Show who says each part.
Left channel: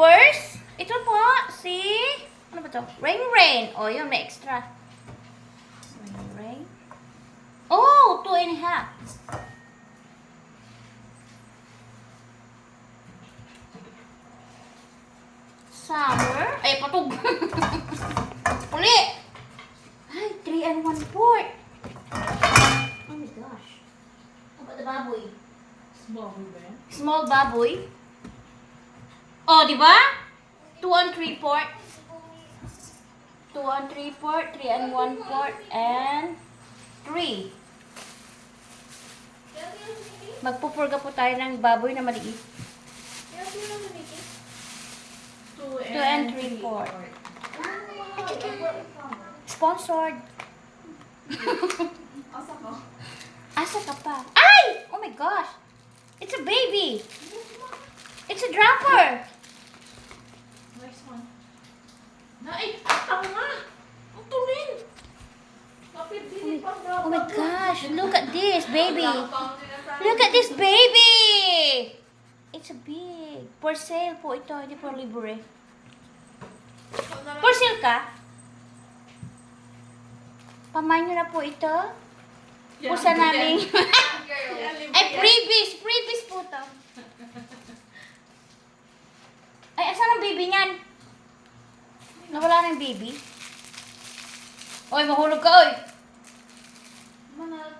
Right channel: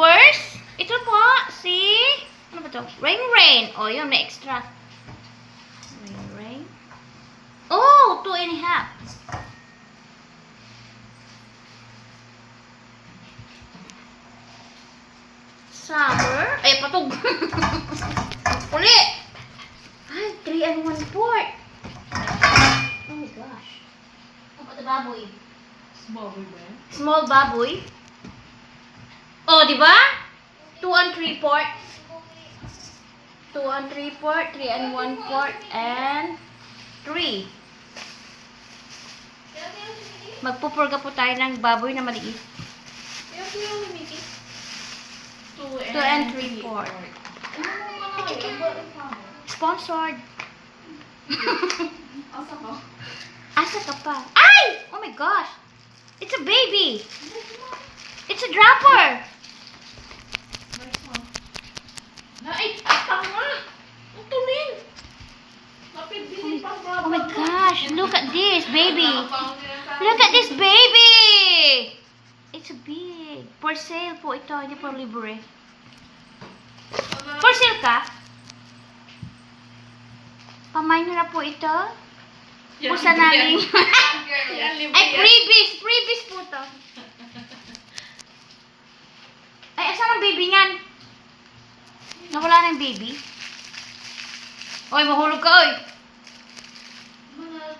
Speaker 1: Purse. Ito po, si... Ano ba to? Rain Rain. O, yun, may extra. Rain Rain. Oh, two and a half. Summer. Ay, patog. Uli. Ay, three and one fourth. Oh my gosh. How about the baboy?
Speaker 2: Small we went.
Speaker 1: Small baboy. Oh, di ba? Two and three port. Two and three port, three and one port, and three. Magpupurga po tayo ng baboy na maliit.
Speaker 2: Kaya po yung Mickey. Two and,
Speaker 1: Two and three port. Sponsored.
Speaker 2: Asa ka?
Speaker 1: Asa ka pa? Ay! Oh my gosh! It's a baby! It's a dropper!
Speaker 2: Na, ay, atang nga! Ang tulin! Kapit din pang
Speaker 1: Oh my gosh! Look at this, baby! Look at this baby! It's a big. For sale po ito, hindi po libre. For sale ka? Nyo na po ito. Pusa namin. Ay, freebies! Freebies po to. Ay, asan ang baby niyan? Nawala na yung baby? Oy, mahulog ka, oy!